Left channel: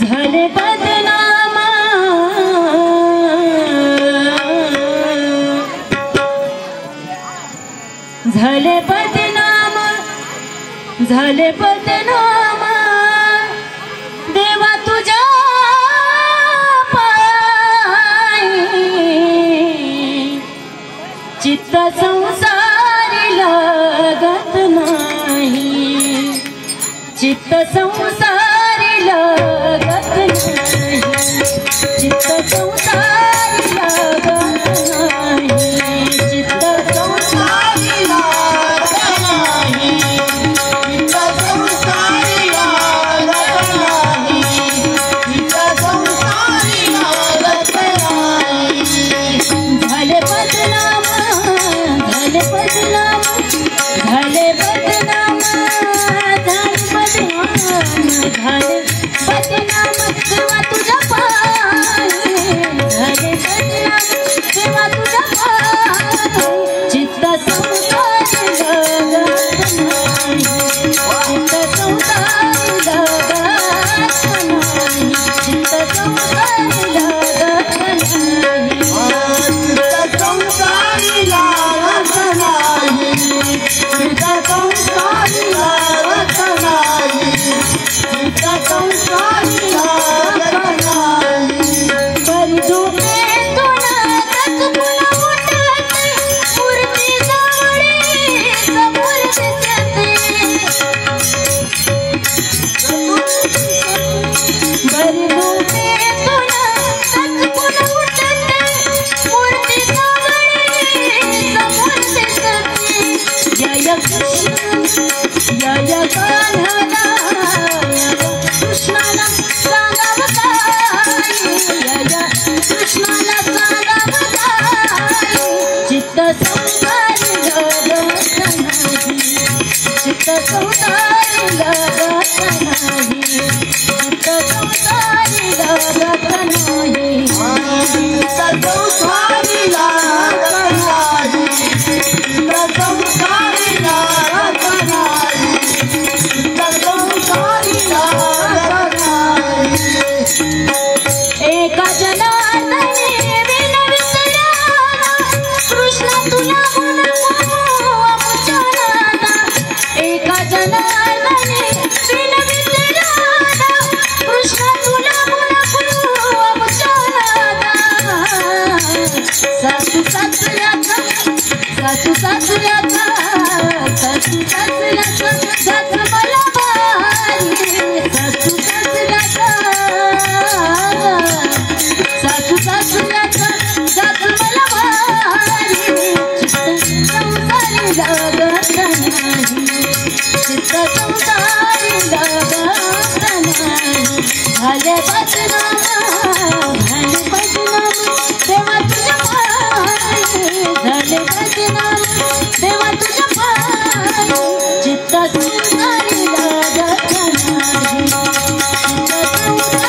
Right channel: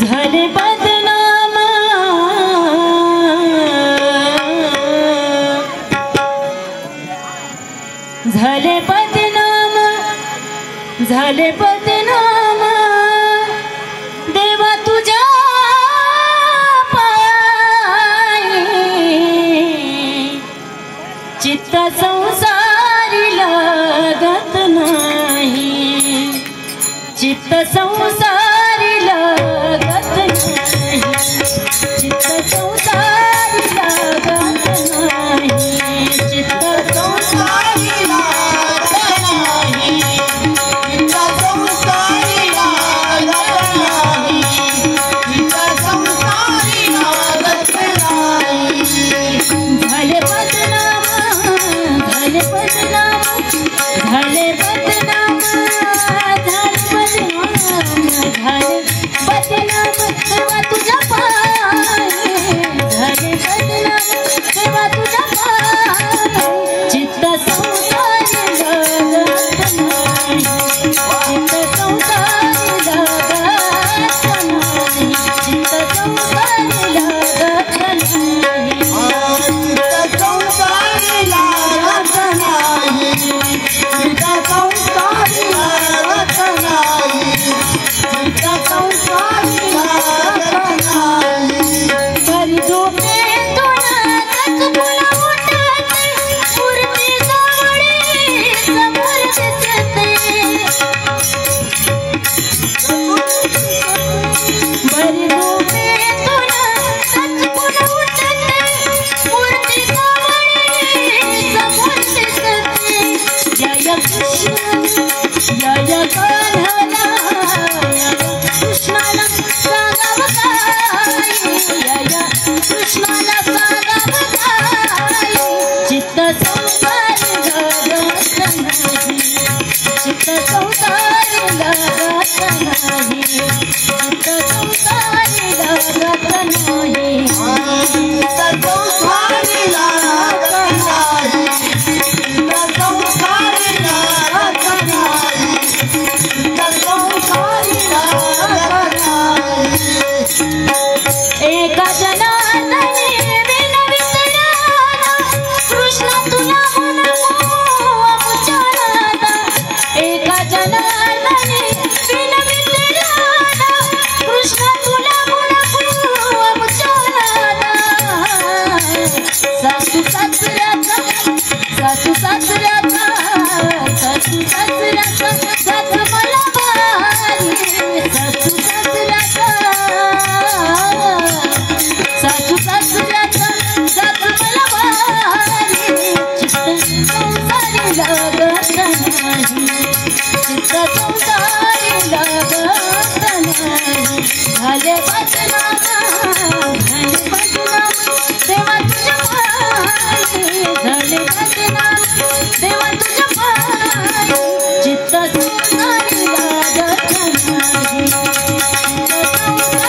झाले बदनाम झाले बदनाम झाले बदनाम देवा तुझ्या पायी चित्त संसारी लागत नाही चित्त संसारी लागत नाही चित्त संसारी लागत नाही चित्त संसारी लागत नाही चित्त संसारी लागत नाही चित्त संसारी लागत नाही झाले बदनाम झाले बदनाम झाले बदनाम झाले बदनाम तेव्हा तुझ्या पायी झाले बदनाम तेव्हा तुझ्या पायी चित्त संसारी लागत नाही चित्त संसारी लागत नाही चित्त संसारी लागत नाही चित्त संसारी लागत नाही चित्त संसारी लागत नाही चित्त संसारी लागत नाही बरी झोपेतून तुला उठते मूर्ती जवळी समोर दिसते बरी झोपेतून तुला उठते मूर्ती जवळी समोर दिसते जय कृष्ण जय कान्हा कृष्णाला सांगावताई जय कृष्णाला सांगावताई चित्त संसारी लागत नाही चित्त संसारी लागत नाही चित्त संसारी लागत नाही चित्त संसारी लागत नाही चित्त संसारी लागत नाही चित्त संसारी लागत नाही एका जनार्दनी विनवितराना कृष्ण तुला मुचाराना एका जनार्दनी विनवितराना कृष्ण तुला मुचाराना सासू सासऱ्याचा सासू सासऱ्याचा सासू सासऱ्याचा साथ मला भारी सासू सासऱ्याचा सासू सासऱ्याचा साथ मला भारी चित्त संसारी लागत नाही चित्त संसारी लागत नाही झाले बदनाम तेव्हा तुझ्या पायी झाले बदनाम तेव्हा तुझ्या पायी चित्त संसारी लागत नाही चित्त संसारी